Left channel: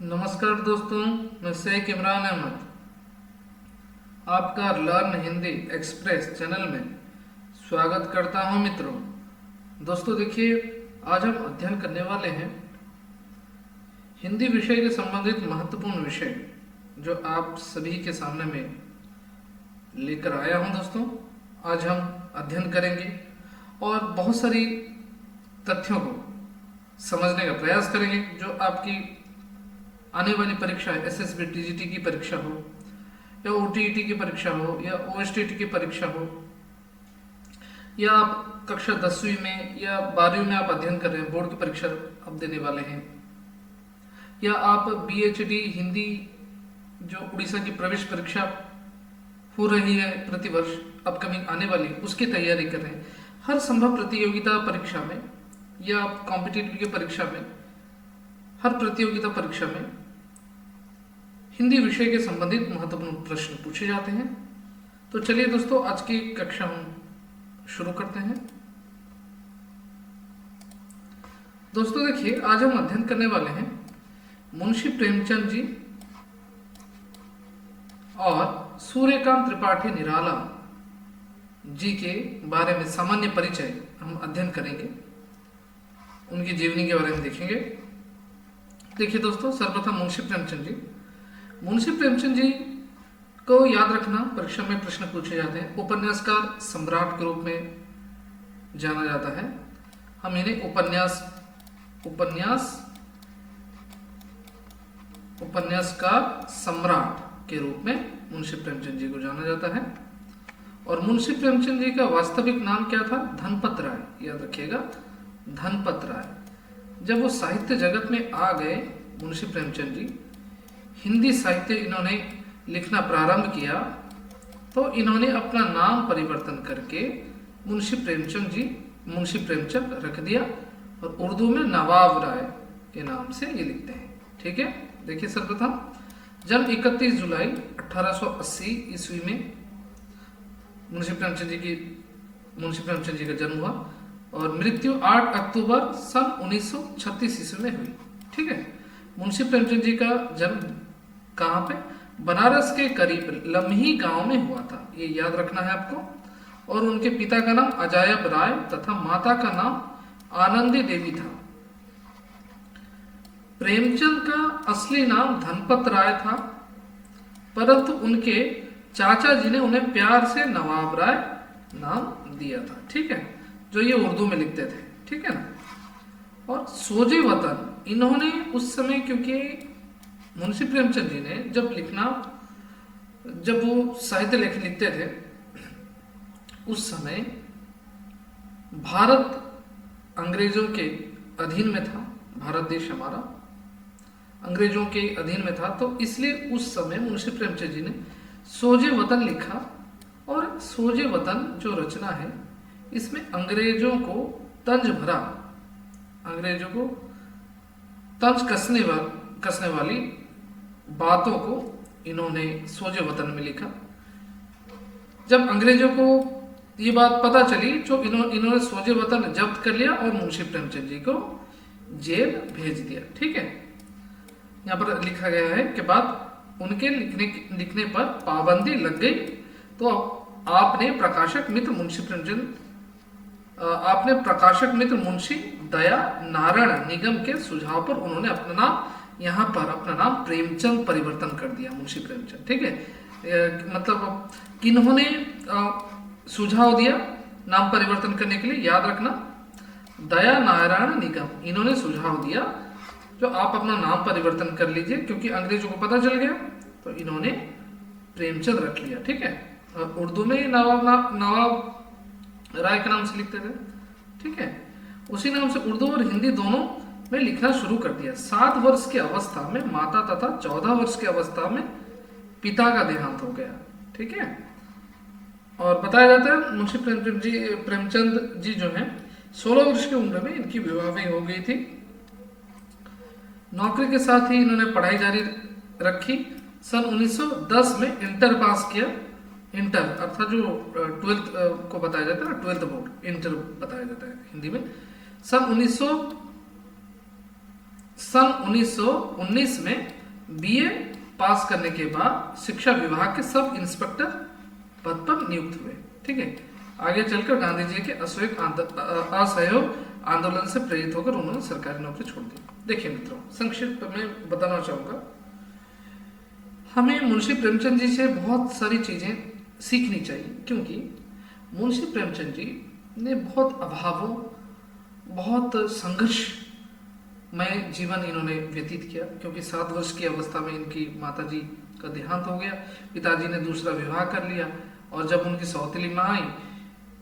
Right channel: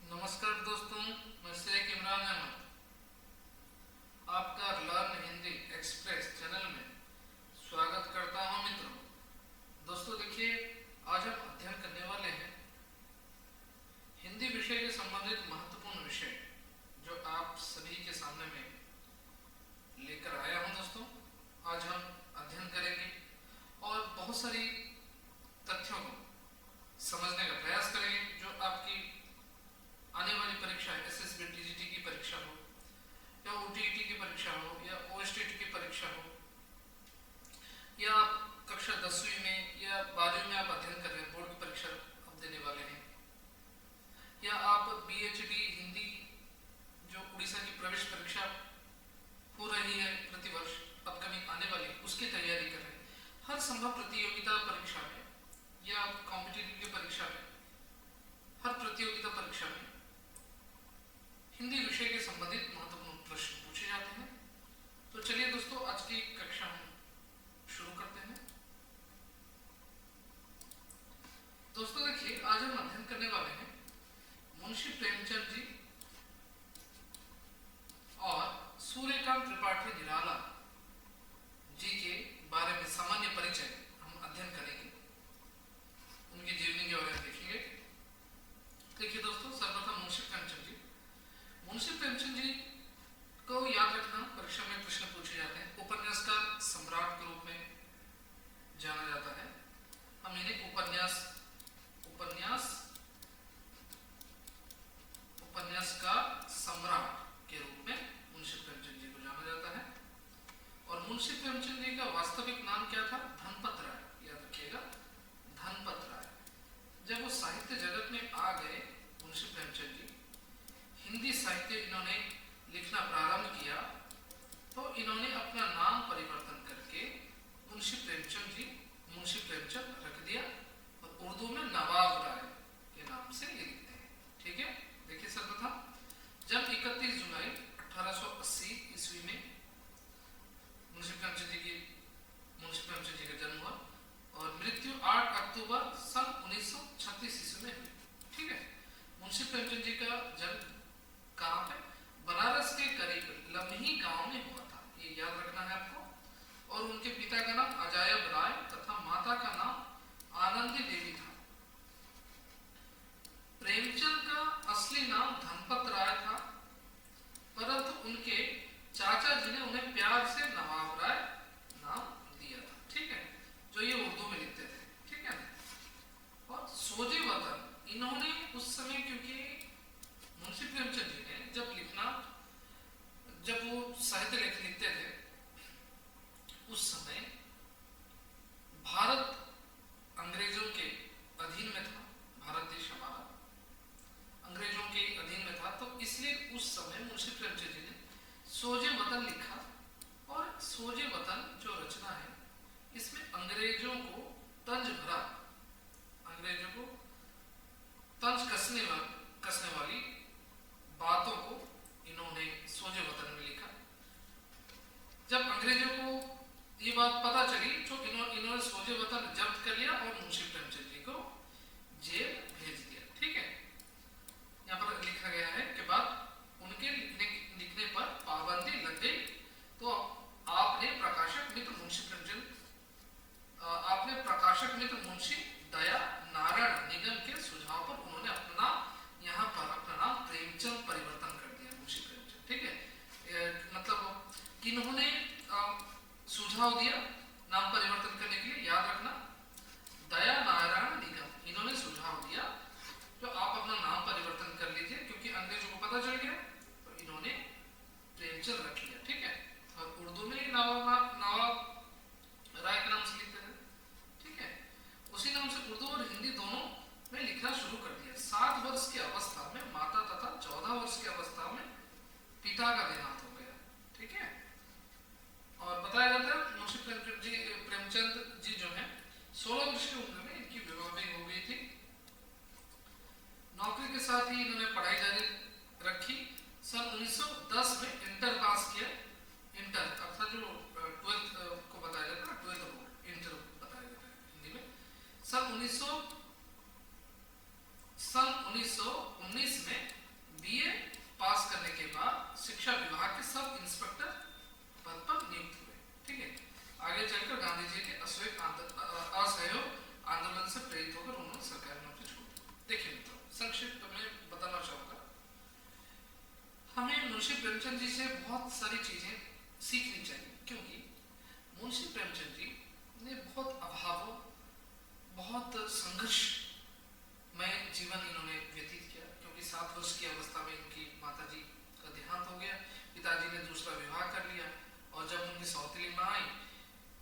नमस्कार दोस्तों, मैं शेख इमरान अहमद आपका लर्न हिंदी एक्सप्रेस चैनल में स्वागत करता हूं। मित्रों, दोस्तों देखिए, आज हम अध्ययन करने वाले हैं हिंदी विषय के संबंधित महत्वपूर्ण विषय जो आप सभी के सामने में लेकर आया हूं। दोस्तों, आज हम अध्ययन करेंगे और बहुत सारी तथ्यों को समझने का प्रयास करेंगे जो आपकी आने वाली परीक्षा एसएसबी टीजीटी की परीक्षा हो या ओटीईटी की परीक्षा हो या ओएसटीटी की परीक्षा हो, या आप कक्षा 10वीं में या 12वीं में आप अध्ययन कर रहे हैं, बोर्ड की परीक्षा आप देने वाले हैं, या आप बीएचडी हिंदी जो उड़ीसा की प्रवेश परीक्षा हो रही है प्रतिवर्ष अपकमिंग आने वाली, उसकी तैयारी कर रहे हैं। हर संभव प्रतियोगिता परीक्षा में या कॉम्पिटिटिव की परीक्षा में, हर प्रतियोगिता परीक्षा में हिंदी विषय के संबंधित महत्वपूर्ण प्रश्न पूछे जाते हैं। तो चलिए दोस्तों, आज की कक्षा हम शुरू करते हैं। दोस्तों देखिए, आज हम अध्ययन करने वाले हैं मुंशी प्रेमचंद जी और सूर्यकांत त्रिपाठी निराला जी के बारे में सामान्य परिचय हम अध्ययन करेंगे, उनकी जीवनी के बारे में देखेंगे। देखिए दोस्तों, सर्वप्रथम मुंशी प्रेमचंद जी को याद रखना, परीक्षा में प्रश्न पूछे जाते हैं। उपन्यासकार सम्राट के रूप में जाना जाता है। हम इन्हें उपन्यासकार सम्राट के रूप में मुंशी प्रेमचंद जी को जाना जाता है। और मुंशी प्रेमचंद जी का वास्तविक नाम क्या था? धनपत राय, याद रखिएगा, धनपत राय। जब वो साहित्य जगत में आ गए मुंशी प्रेमचंद जी, हिंदी साहित्य इन्होंने लिखना प्रारंभ किया, तो इन्होंने अपना नाम परिवर्तन करके मुंशी प्रेमचंद रख दिया और उर्दू में नवाब राय के नाम से ये लिखते हैं। ठीक है, देखिए सर्वप्रथम जब 31 जुलाई 1880 ईस्वी में मुंशी प्रेमचंद जी का जन्म हुआ और मृत्यु 8 अक्टूबर सन 1936 ईस्वी में हुई। ठीक है, मुंशी प्रेमचंद जी का जन्म कहाँ पे? बनारस के करीब लम्ही गांव में हुआ था, ये याद रखना है आपको। और उनके पिता का नाम अजायब राय तथा माता का नाम आनंदी देवी था। प्रेमचंद का असली नाम धनपत राय था, परंतु उनके चाचा जी ने उन्हें प्यार से नवाब राय नाम दिया था। ठीक है, जो ये उर्दू में लिखते थे। ठीक है ना। और सोजे वतन, इन्होंने उस समय, क्योंकि मुंशी प्रेमचंद जी ने जब वो साहित्य लेख लिखते थे, उस समय भारत अंग्रेजों के अधीन में था। भारत देश हमारा अंग्रेजों के अधीन में था, तो इसलिए उस समय मुंशी प्रेमचंद जी ने सोजे वतन लिखा। और सोजे वतन जो रचना है, इसमें अंग्रेजों को तंज भरा, अंग्रेजों को तंज कसने वाली बातों को इन्होंने सोजे वतन में लिखा। जब अंग्रेजों को ये बात पता चली तो इन्होंने सोजे वतन जब्त कर लिया और मुंशी प्रेमचंद जी को जेल भेज दिया। ठीक है, यहाँ पर लिखा गया है कि बाद उनके लिखने पर पाबंदी लग गई, तो आपने प्रकाशक मित्र मुंशी दया नारायण निगम के सुझाव पर उन्होंने यहाँ पर अपना नाम प्रेमचंद परिवर्तन कर दिया, मुंशी प्रेमचंद। ठीक है, मतलब किन्होंने सुझाव दिया नाम परिवर्तन करने के लिए? याद रखना, दया नारायण निगम, इन्होंने सुझाव दिया जो आप अपना नाम परिवर्तन कर लीजिए, क्योंकि अंग्रेजों को पता चल गया तो इन्होंने प्रेमचंद रख लिया। ठीक है, और उर्दू में नवाब राय के नाम से लिखते थे। ठीक है, उसी नाम से उर्दू और हिंदी दोनों में लिखना शुरू कर दिया। 7 वर्ष की अवस्था में माता तथा 14 वर्ष की अवस्था में पिता का देहांत हो गया। ठीक है, और बताया जाता है मुंशी प्रेमचंद जी जो हैं 16 वर्ष की उम्र में इनकी विवाह भी हो गई थी। नौकरी के साथ ही इन्होंने पढ़ाई जारी रखी। सन 1910 में इंटर पास किया। इंटर अर्थात जो 12th को बताया जाता है ना, 12th बोर्ड, इंटर बताया जाता है हिंदी में। सन सन 1919 में बीए पास करने के बाद शिक्षा विभाग के सब इंस्पेक्टर पद पर नियुक्त हुए। ठीक है, आगे चलकर गांधी जी के असहयोग आंदोलन से प्रेरित होकर उन्होंने सरकारी नौकरी छोड़ दी। देखिए मित्रों, संक्षिप्त में बताना चाहूंगा, हमें मुंशी प्रेमचंद जी से बहुत सारी चीजें सीखनी चाहिए, क्योंकि मुंशी प्रेमचंद जी ने बहुत अभावों, बहुत संघर्ष में जीवन इन्होंने व्यतीत किया, क्योंकि 7 वर्ष की अवस्था में इनकी माताजी का देहांत हो गया, पिताजी ने दूसरा विवाह कर लिया, और जब उनकी सौतेली माँ आई,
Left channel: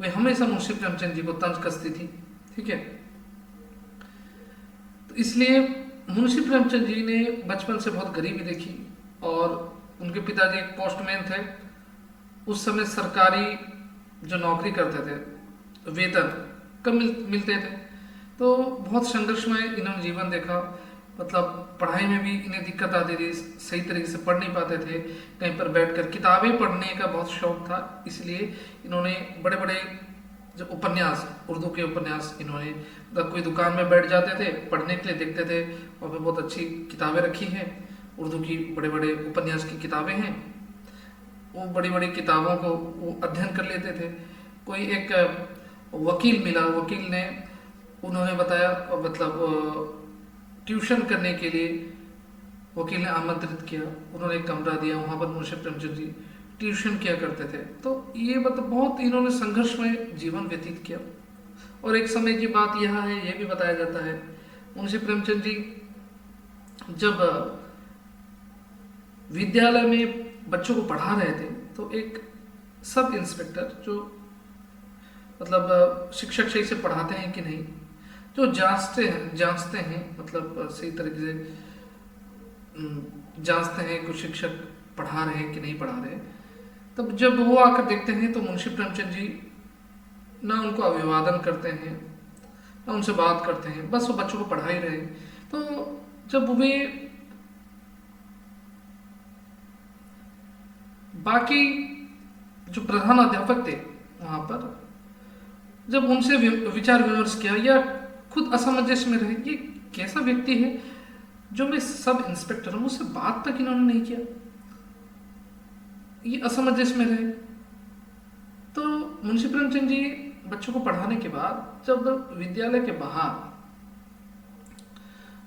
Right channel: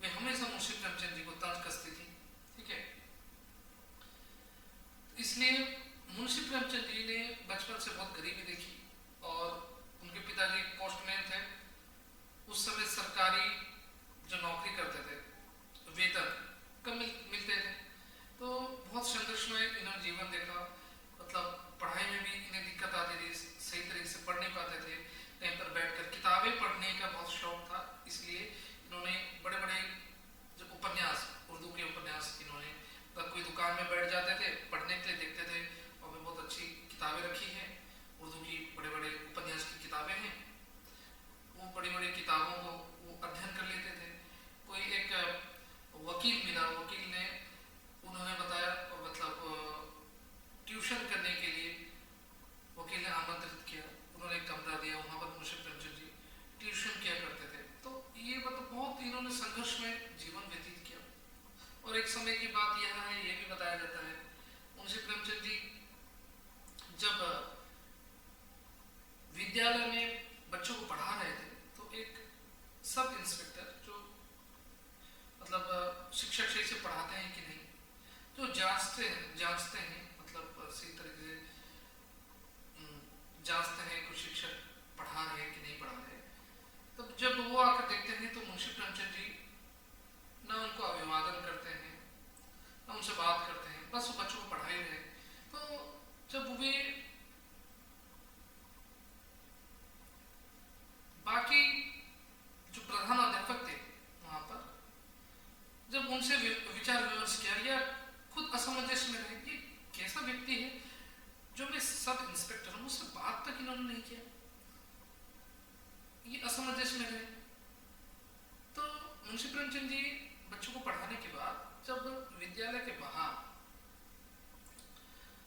वे हमेशा मुंशी प्रेमचंद जी को तंज कसती थी। ठीक है, तो इसलिए मुंशी प्रेमचंद जी ने बचपन से बहुत गरीबी देखी, और उनके पिताजी एक पोस्टमैन थे। उस समय सरकारी जो नौकरी करते थे वेतन कम मिलते थे, तो बहुत संघर्षमय इन्होंने जीवन देखा। मतलब पढ़ाई में भी इन्हें दिक्कत आती थी, सही तरीके से पढ़ नहीं पाते थे, कहीं पर बैठकर किताबें पढ़ने का बहुत शौक था, इसलिए इन्होंने बड़े बड़े जो उपन्यास, उर्दू के उपन्यास, इन्होंने मतलब कोई दुकान में बैठ जाते थे पढ़ने के लिए, देखते थे वहाँ पे बहुत अच्छी किताबें रखी हैं, उर्दू की बड़े बड़े उपन्यास की किताबें हैं, वो बड़ी बड़ी किताबों को वो अध्ययन कर लेते थे। कोई एक वकील मिला, वकील ने उन्होंने बताया, मतलब ट्यूशन करने के लिए वकील ने आमंत्रित किया, उन्होंने एक कमरा दिया, वहाँ पर मुंशी प्रेमचंद जी ट्यूशन किया करते थे। तो ये मतलब बहुत इन्होंने संघर्ष में जीवन व्यतीत किया। और एक समय की बात यह है, ये भी बताया जाता है, मुंशी प्रेमचंद जी जब विद्यालय में बच्चों को पढ़ा रहे थे, तो एक सब इंस्पेक्टर जो मतलब शिक्षक सही से पढ़ाते हैं कि नहीं, जो जांचते हैं मतलब सही तरीके से जांचते हैं कुछ शिक्षक पढ़ा रहे हैं कि नहीं पढ़ा रहे, तब जब वो आकर देखते हैं तो मुंशी प्रेमचंद जी ना उनको अभिवादन करते हैं, ना उनसे बात करते हैं, बस वो बच्चों को पढ़ा ही रहे। तो जब वे बाकी जो प्रधान अध्यापक थे वहां पर, जब उनसे विचार विमर्श किया या खुद असमंजस में रहे, ये कैसा व्यक्ति है जो मैं सब इंस्पेक्टर हूं, मुझसे बात तक इन्होंने नहीं किया, ये असमंजस में रहे। तो मुंशी प्रेमचंद जी बच्चों को पढ़ाने के बाद जब विद्यालय के बाहर,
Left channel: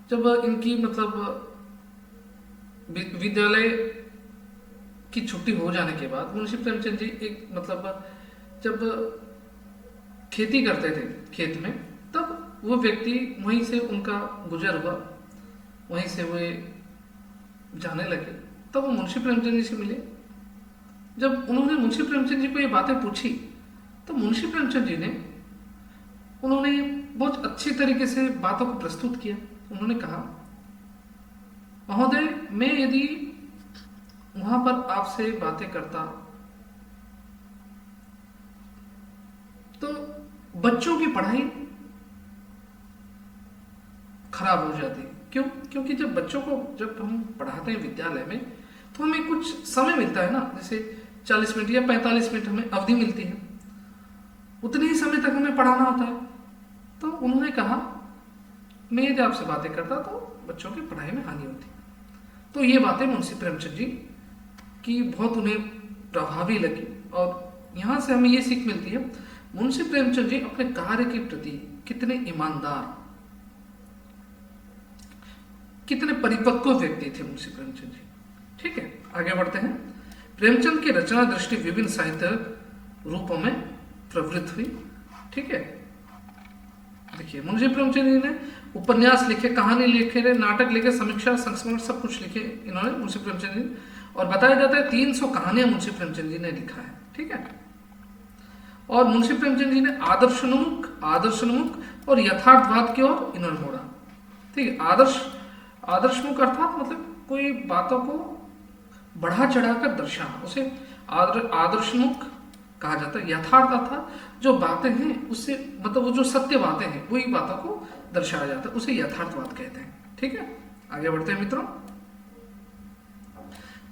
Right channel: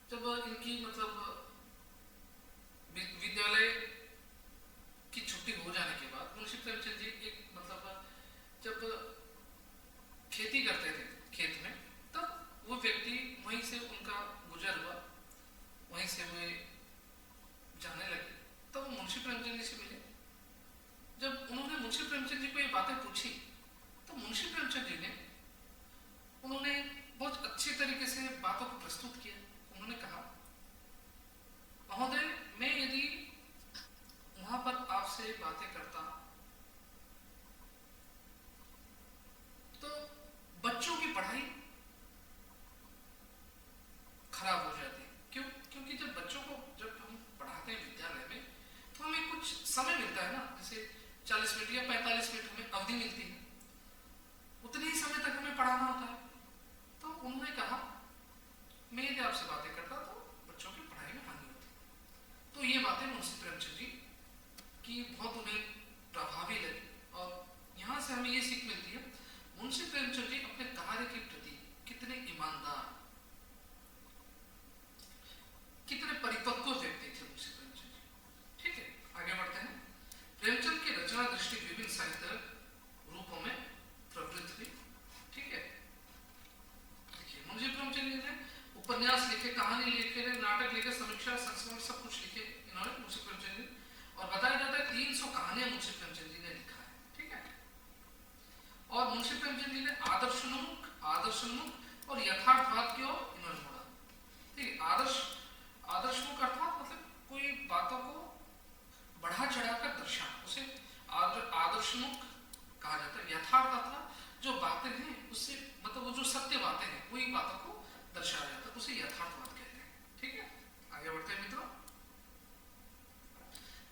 जब इनकी मतलब विद्यालय की छुट्टी हो जाने के बाद मुंशी प्रेमचंद जी एक मतलब जब खेती करते थे खेत में, तब वो व्यक्ति वहीं से उनका गुजर हुआ, वहीं से वे जाने लगे, तब वो मुंशी प्रेमचंद जी से मिले। जब उन्होंने मुंशी प्रेमचंद जी को ये बातें पूछी, तो मुंशी प्रेमचंद जी ने उन्होंने बहुत अच्छी तरीके से बातों को प्रस्तुत किया। उन्होंने कहा, महोदय, मैं यदि वहां पर आपसे बातें करता तो बच्चों की पढ़ाई खराब हो जाती। क्यों? क्योंकि जब बच्चों को जब हम पढ़ाते हैं विद्यालय में, तो हमें कुछ समय मिलता है ना, जैसे 40 मिनट या 45 मिनट हमें अवधि मिलती है, उतने ही समय तक हमें पढ़ाना होता है। तो उन्होंने कहा, मैं यदि आपसे बातें करता तो बच्चों की पढ़ाई में हानि होती। तो ये बातें मुंशी प्रेमचंद जी की बहुत उन्हें प्रभावी लगी, और यहाँ से हमें ये सीख मिलती है, मुंशी प्रेमचंद जी अपने कार्य के प्रति कितने ईमानदार, कितने परिपक्व व्यक्ति थे मुंशी प्रेमचंद जी। ठीक है, आगे बढ़ते हैं। प्रेमचंद की रचना दृष्टि विभिन्न साहित्य रूपों में प्रवृत्त हुई। ठीक है, देखिए मुंशी प्रेमचंद जी ने उपन्यास लिखे, कहानी लिखे, नाटक लिखे, समीक्षा, संस्मरण, सब कुछ लिखे इन्होंने मुंशी प्रेमचंद जी, और बताया जाता है 300 कहानियां मुंशी प्रेमचंद जी ने लिखा है। ठीक है, और मुंशी प्रेमचंद जी ने आदर्शोन्मुख और यथार्थवाद की ओर इन्होंने मोड़ा। ठीक है, आदर्शमुख अर्थात मतलब कोई बातों को बढ़ा चढ़ाकर दर्शाना, उसे आदर्शमुख कहा जाता है। यथार्थ अर्थात जो बातें हैं उससे मतलब वो जो सत्य बातें हैं वही बातों को दर्शाया जाता है, उसे यथार्थवाद कहते हैं। ठीक है, आगे बढ़ते हैं मित्रों।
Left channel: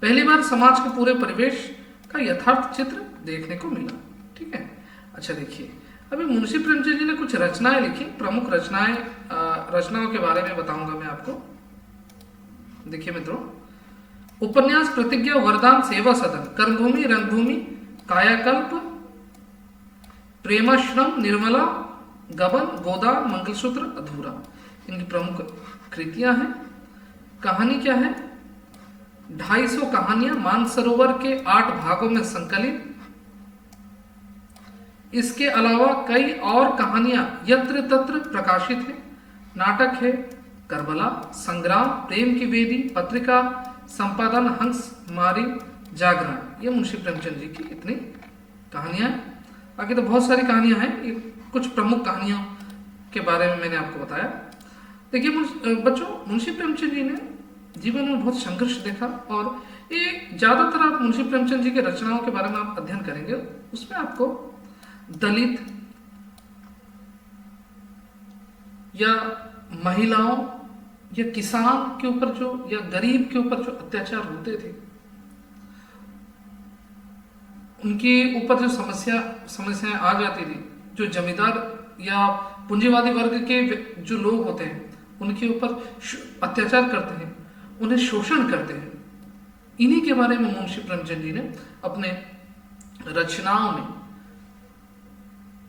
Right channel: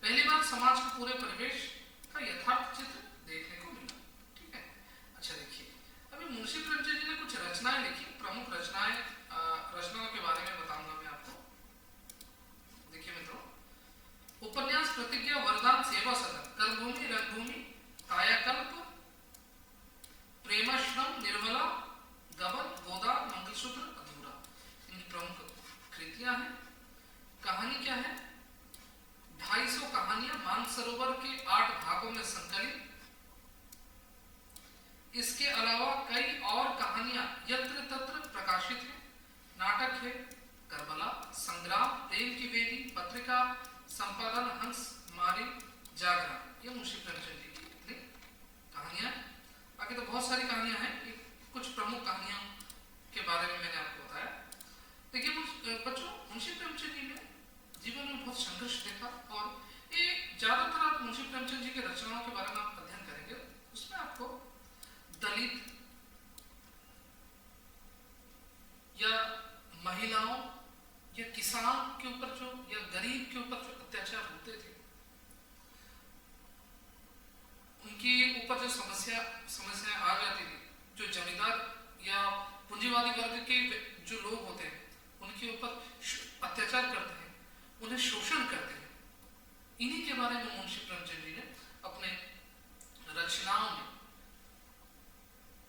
पहली बार समाज के पूरे परिवेश का यथार्थ चित्र देखने को मिला। ठीक है, अच्छा देखिए, अभी मुंशी प्रेमचंद जी ने कुछ रचनाएं लिखी, प्रमुख रचनाएं रचनाओं के बारे में बताऊंगा मैं आपको। देखिए मित्रों, उपन्यास प्रतिज्ञा, वरदान, सेवा सदन, कर्मभूमि, रंगभूमि, कायाकल्प, प्रेमाश्रम, निर्मला, गबन, गोदान, मंगलसूत्र, अधूरा, इनकी प्रमुख कृतियां हैं। कहानी क्या है? 250 कहानियां मानसरोवर के 8 भागों में संकलित। इसके अलावा कई और कहानियां यत्र तत्र प्रकाशित है। नाटक है करबला, संग्राम, प्रेम की वेदी, पत्रिका, संपादन, हंस मारी, जागरण। ये मुंशी प्रेमचंद जी की इतनी कहानियां हैं। बाकी तो बहुत सारी कहानियां हैं, ये कुछ प्रमुख कहानियों के बारे में मैंने आपको बताया। देखिए बच्चों, मुंशी प्रेमचंद जी ने जीवन में बहुत संघर्ष देखा, और ये ज्यादातर आप मुंशी प्रेमचंद जी के रचनाओं के बारे में आप अध्ययन करेंगे, उसमें आपको दलित या महिलाओं या किसान के ऊपर जो, या गरीब के ऊपर जो अत्याचार होते थे, उनके ऊपर जो समस्याएं आ जाती थी, जो जमींदार या पूंजीवादी वर्ग के जो लोग होते हैं उनके ऊपर अत्याचार करते हैं, उन्हें शोषण करते हैं, इन्हीं के बारे में मुंशी प्रेमचंद जी ने अपने रचनाओं में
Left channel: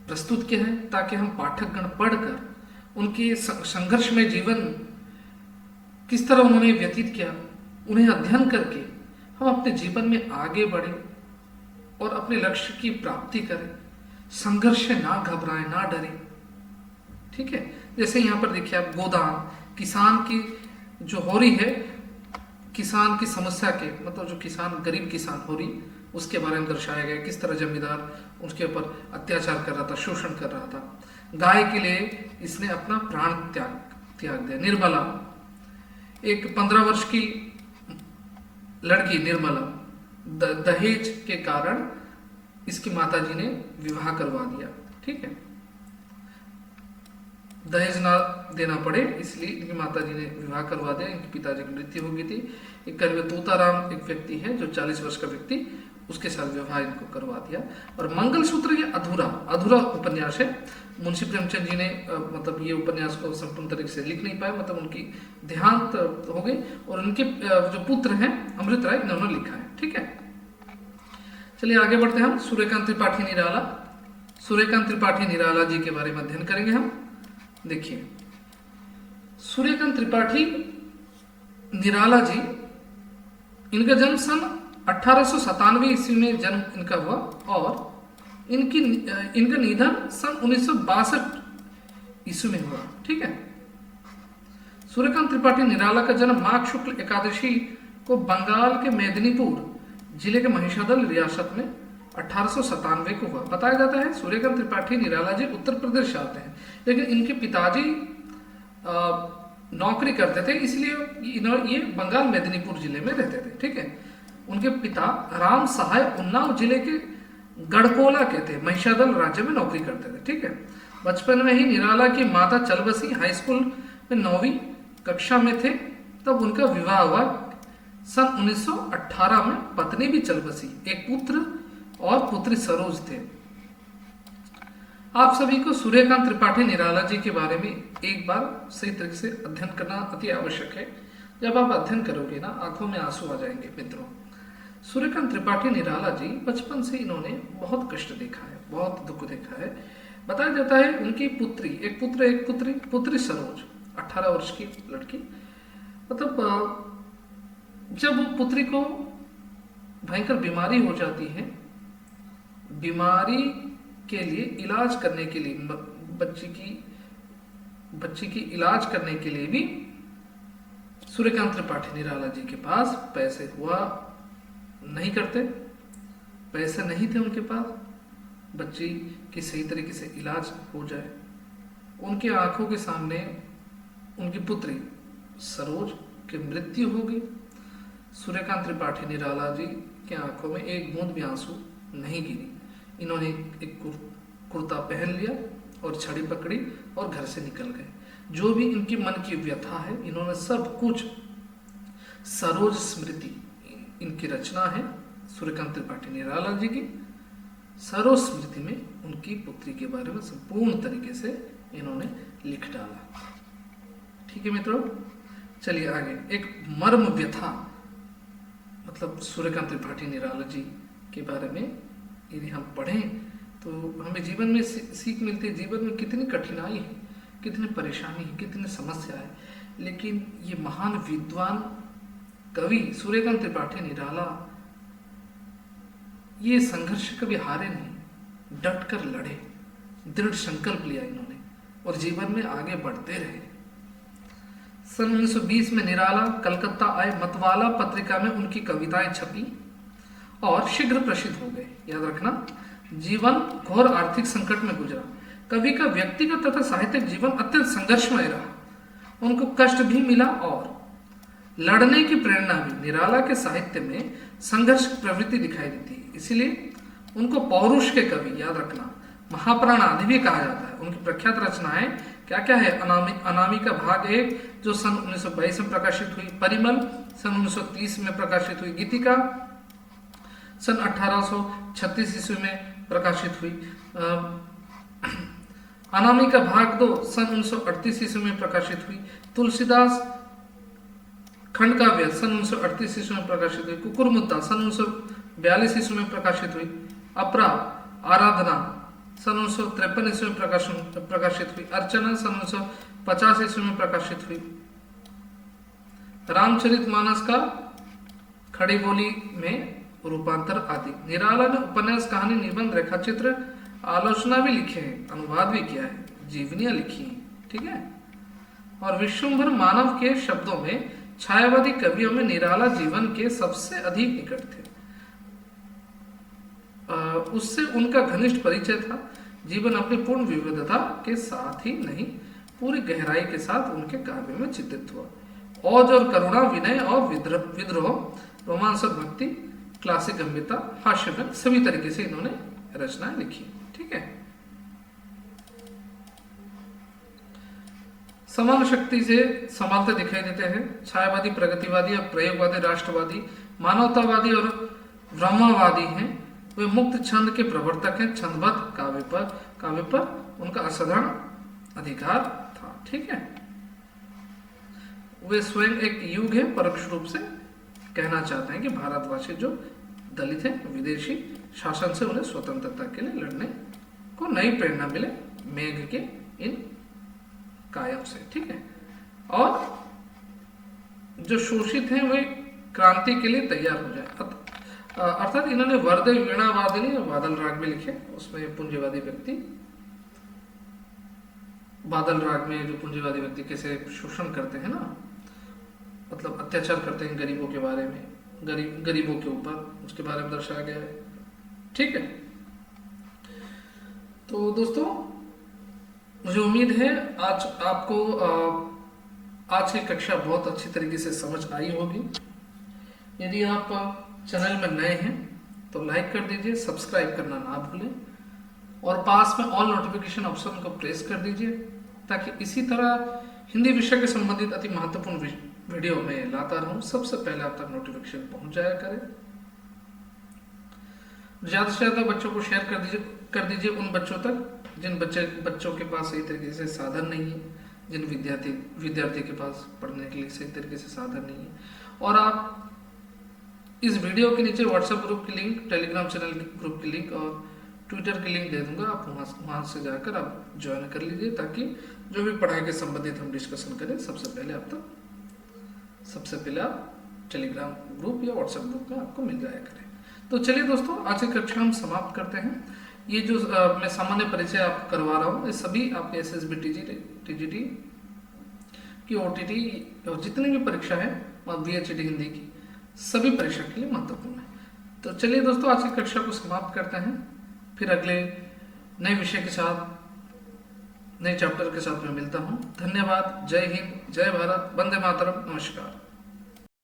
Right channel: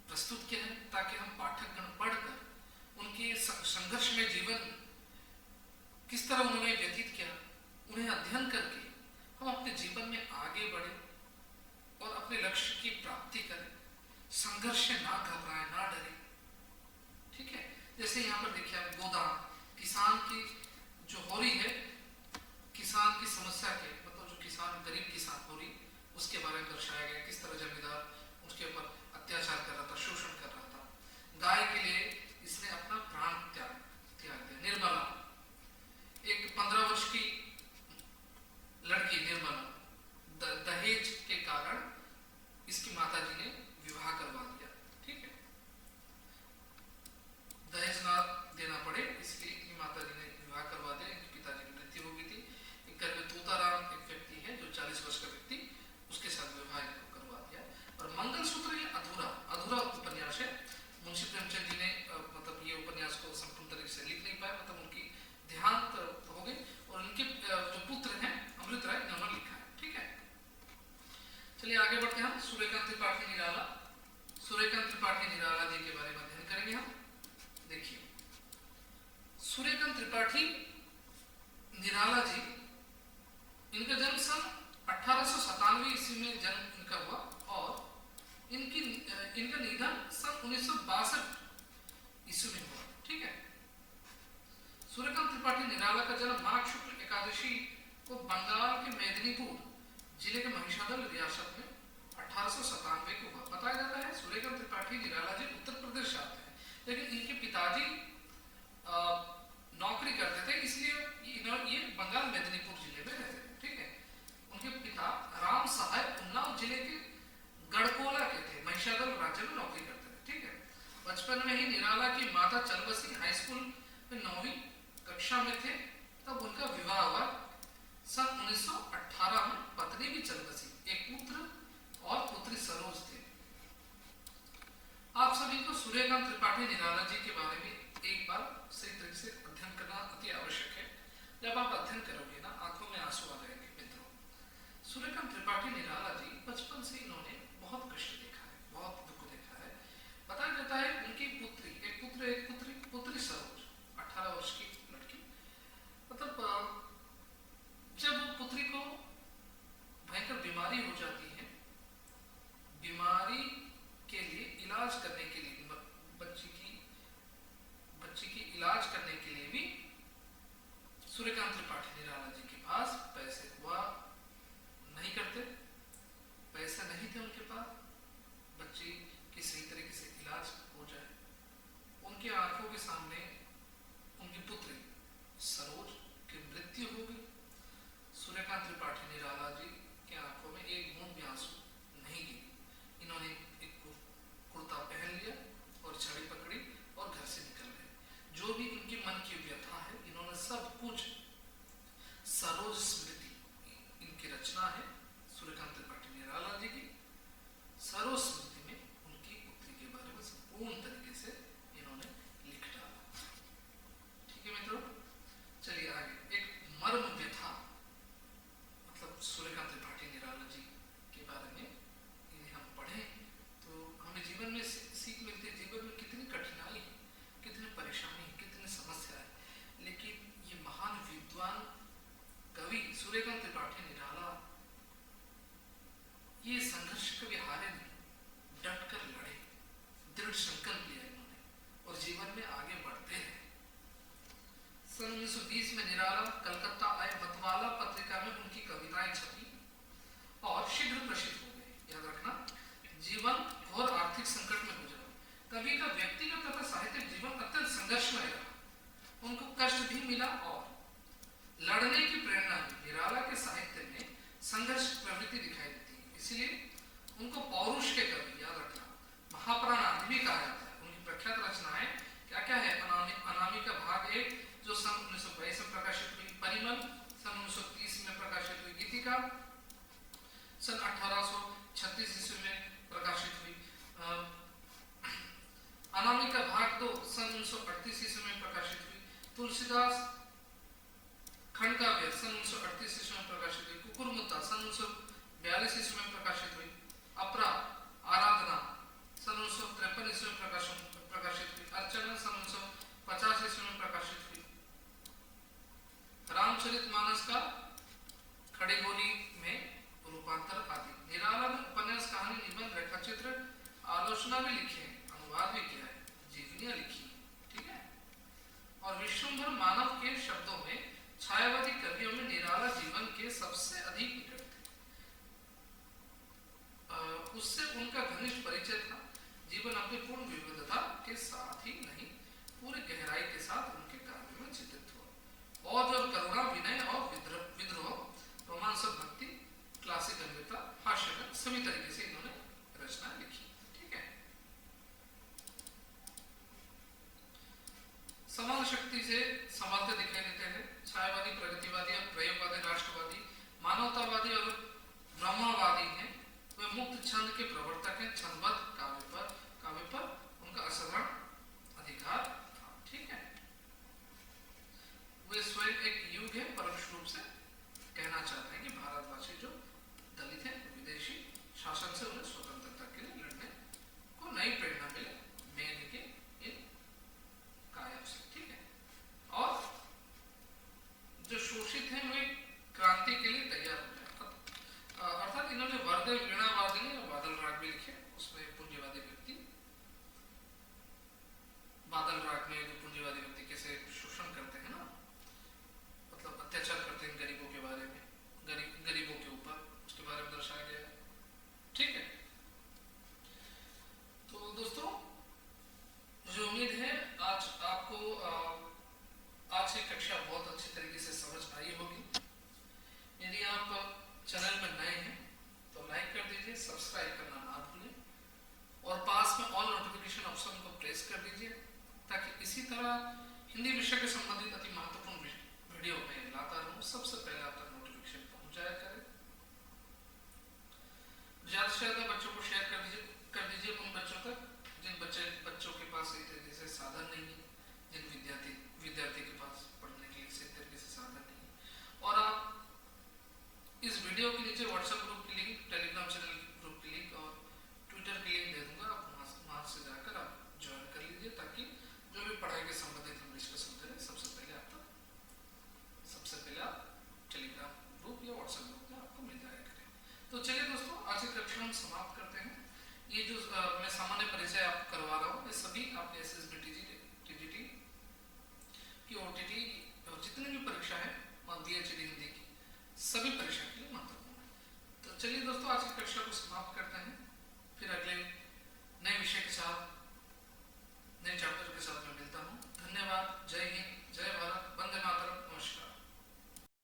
प्रस्तुत किया है, ताकि हम पाठकगण पढ़कर उनके संघर्षमय जीवन किस तरह उन्होंने व्यतीत किया, उन्हें अध्ययन करके हम अपने जीवन में आगे बढ़े और अपने लक्ष्य की प्राप्ति करें, संघर्ष से ना घबराएं, ना डरें। ठीक है, जैसे यहाँ पर देखिए आप, गोदान, किसान की जो हो रही है, किसान की समस्या के, मतलब जो किसान, गरीब किसान हो रही, उसके बारे में दर्शाया गया, किस तरह जमींदार उसके ऊपर अत्याचार कर रहा था, शोषण कर रहा था। गाय के लिए इसने अपना प्राण त्याग दिया। निर्मला, एक 15 वर्ष की लड़की निर्मला, दहेज के कारण इसकी माताजी ने विवाह करवा दिया। ठीक है, दहेज ना देना पड़े इसलिए इनकी माताजी ने विवाह करवा दिया। इनके पिताजी की मृत्यु हो गई थी। एक करीब तोताराम एक व्यक्ति है जो 40 वर्ष का व्यक्ति, उसके साथ विवाह इनको करवा दिया। और मंगलसूत्र ये अधूरा उपन्यास है। मुंशी प्रेमचंद जी ने मतलब ये उपन्यास को संपूर्ण तरीके से लिख नहीं पाए, मतलब उनकी देहांत हो गई, और उनके जो पुत्र हैं अमृत राय, इन्होंने लिखा है। ठीक है, चलिए आगे बढ़ते हैं हम। सूर्यकांत त्रिपाठी निराला, सूर्यकांत त्रिपाठी निराला जी के बारे में अध्ययन करेंगे हम। देखिए, सूर्यकांत त्रिपाठी निराला जी, इनका जन्म सन 1897 ईस्वी में जन्म इनका हुआ, और इनका निधन सन 1962 ईस्वी में हुआ। ठीक है, सूर्यकांत त्रिपाठी निराला का जन्म माघ शुक्ल एकादशी को बंगाल के मेदिनीपुर जिले के महिषादल रियासत में 1897 को हुआ। बताया जाता है सूर्यकांत त्रिपाठी निराला जी उत्तर प्रदेश से आते हैं, लेकिन इनके पिताजी नौकरी करते थे, इसलिए ये बंगाल मेदिनीपुर जिले में रहते थे। ठीक है, उनके पिता राम सहाय उन्नाव जिले के गढ़कोला के थे, महिषादल राज्य में नौकरी करते थे। ठीक है, बचपन में ही निराला की माता चल बसी। हाई स्कूल में 9वीं कक्षा में थे तब उनका विवाह हुआ। सन 1918 में पत्नी भी चल बसी। एक पुत्र और पुत्री सरोज थे। आप सभी को सूर्यकांत त्रिपाठी निराला जी के बारे में एक बार सही तरीके से अध्ययन करना अति आवश्यक है। जब आप अध्ययन करोगे ना, आंखों में आंसू आ जाएंगे। मित्रों, सूर्यकांत त्रिपाठी निराला जी बचपन से इन्होंने बहुत कष्ट देखा है, बहुत दुख देखा है। बताया जाता है उनकी पुत्री, एक पुत्र एक पुत्री सरोज, 18 वर्ष की लड़की, मतलब जब पुत्री को भयंकर बीमारी हो जाती है, बीमारी के लिए इलाज करने के लिए, बच्ची की इलाज करने के लिए भी सूर्यकांत त्रिपाठी निराला जी के पास पैसे हुआ नहीं करते, पैसे नहीं थे उनके पास, बच्ची की सही तरीके से इलाज हो जाए। उनके आंखों के सामने उनकी पुत्री सरोज की मृत्यु हो गई। सूर्यकांत त्रिपाठी निराला जी के आंखों में एक बूंद भी आंसू नहीं गिरी। इन्होंने एक कुर्ता पहन लिया और छड़ी पकड़ी और घर से निकल गए। जो भी इनके मन की व्यथा है, इन्होंने सब कुछ, सरोज स्मृति इनकी रचना है सूर्यकांत त्रिपाठी निराला जी की। सरोज स्मृति में उनकी पुत्री के बारे में संपूर्ण तरीके से इन्होंने लिख डाला। ठीक है मित्रों, चलिए आगे। एक मर्म व्यथा मतलब सूर्यकांत त्रिपाठी निराला जी के बारे में यदि हम पढ़ें तो हमें जीवन में सीख मिलती है। जीवन में कितनी कठिनाई है, कितनी परेशानी है, कितनी समस्या है, लेकिन ये महान विद्वान कवि सूर्यकांत त्रिपाठी निराला ये संघर्ष कभी हारे नहीं, डट कर लड़े, दृढ़ संकल्प लिया इन्होंने और जीवन में आगे बढ़ते रहे। सन 1920 में निराला कलकत्ता आए। मतवाला पत्रिका में उनकी कविताएं छपी और शीघ्र प्रसिद्ध हो गए। याद रखना, जीवन घोर आर्थिक संकट में गुजरा। कवि का व्यक्तिगत तथा साहित्यिक जीवन अत्यंत संघर्षमय रहा। उनको कष्ट भी मिला और लड़ने की प्रेरणा भी। निराला के साहित्य में संघर्ष की प्रवृत्ति दिखाई देती है, इसीलिए उनको पौरुष के कवि, याद रखना, महाप्राण आदि भी कहा जाता है। उनकी प्रख्यात रचनाएं क्या क्या है? अनामिका भाग 1 जो सन 1922 में प्रकाशित हुई, परिमल सन 1930 में प्रकाशित हुई, गीतिका सन 1836 ईस्वी में प्रकाशित हुई, अनामिका भाग 2 सन 1938 ईस्वी में प्रकाशित हुई, तुलसीदास खंड काव्य सन 1938 ईस्वी में प्रकाशित हुई, कुकुरमुत्ता सन 1942 ईस्वी में प्रकाशित हुई, अपरा आराधना सन 1953 ईस्वी में प्रकाशित हुई, अर्चना सन 1950 ईस्वी में प्रकाशित हुई, रामचरितमानस का खड़ी बोली में रूपांतर आदि। निराला ने उपन्यास, कहानी, निबंध, रेखाचित्र, आलोचना भी लिखे हैं, अनुवाद भी किया है, जीवनियां लिखी हैं, ठीक है। और विश्वंभर मानव के शब्दों में छायावादी कवियों में निराला जीवन के सबसे अधिक निकट थे। उससे उनका घनिष्ठ परिचय था। जीवन अपनी पूर्ण विविधता के साथ ही नहीं, पूरी गहराई के साथ उनके काव्य में चित्रित हुआ। औज और करुणा, विनय और विद्रोह, रोमांस और भक्ति, क्लासिक गंभीरता, हास्य में, सभी तरीके से इन्होंने रचनाएं लिखी, ठीक है। समान शक्ति से संभालते दिखाई देते हैं। छायावादी, प्रगतिवादी और प्रयोगवादी, राष्ट्रवादी, मानवतावादी और ब्रह्मवादी हैं। वे मुक्त छंद के प्रवर्तक हैं। छंदबद्ध काव्य पर उनका असाधारण अधिकार था, ठीक है। वे स्वयं एक युग है, परोक्ष रूप से कहना चाहते हैं कि भारतवासी जो दलित हैं, विदेशी शासन से उन्हें स्वतंत्रता के लिए लड़ने को नई प्रेरणा मिले मेघ के इन कायम से, ठीक है। और जो शोषित हैं वे क्रांति के लिए तैयार हो जाए। अर्थात इन्होंने वर्दे, वीणा वादनी और बादल राग में लिखे। उसमें पूंजीवादी व्यक्ति, बादल राग में जो पूंजीवादी व्यक्ति कैसे शोषण करते हैं ना, मतलब अत्याचार करते हैं गरीबों के बारे में, गरीबों के ऊपर, उसके बारे में दर्शाया गया है, ठीक है। तो दोस्तों, मुझे उम्मीद है आज आपको आज की कक्षा बहुत अच्छी तरीके से समझ आई होगी। यदि आप चैनल में नए हैं तो लाइक कर दीजिए, सब्सक्राइब करना ना भूलें और पास में ऑल नोटिफिकेशन ऑप्शन को प्रेस कर दीजिए, ताकि इसी तरह हिंदी विषय के संबंधित अति महत्वपूर्ण वीडियो में लाता रहूं, सबसे पहले आप तक नोटिफिकेशन पहुंच जाया करे। ज्यादा से ज्यादा बच्चों को शेयर कर दीजिए उन बच्चों तक जिन बच्चों के पास सही तरीके से साधन नहीं है, जिन विद्यार्थी के पास पढ़ने के लिए सही तरीके से साधन नहीं है। और आप इस वीडियो के नीचे व्हाट्सएप ग्रुप की लिंक, टेलीग्राम चैनल ग्रुप की लिंक और ट्विटर की लिंक दे दूंगा, आप वहां से जाकर आप ज्वाइन कर लीजिए, ताकि जो भी पढ़ाई के संबंधित हम डिस्कशन करें सबसे पहले आप टेलीग्राम ग्रुप या व्हाट्सएप ग्रुप में आपको मिल जाया करें। तो चलिए दोस्तों, आज की कक्षा हम समाप्त करते हैं। ये जो मैं सामान्य परिचय आपको करवा रहा हूँ, ये सभी आपके SSB TGT की OTT और जितनी भी परीक्षा है BHD हिंदी की, सभी परीक्षा के लिए महत्वपूर्ण है। तो चलिए दोस्तों, आज की कक्षा को समाप्त करते हैं। फिर अगले नए विषय के साथ, नए चैप्टर के साथ मैं मिलता हूँ। धन्यवाद। जय हिंद, जय भारत, वंदे मातरम, नमस्कार।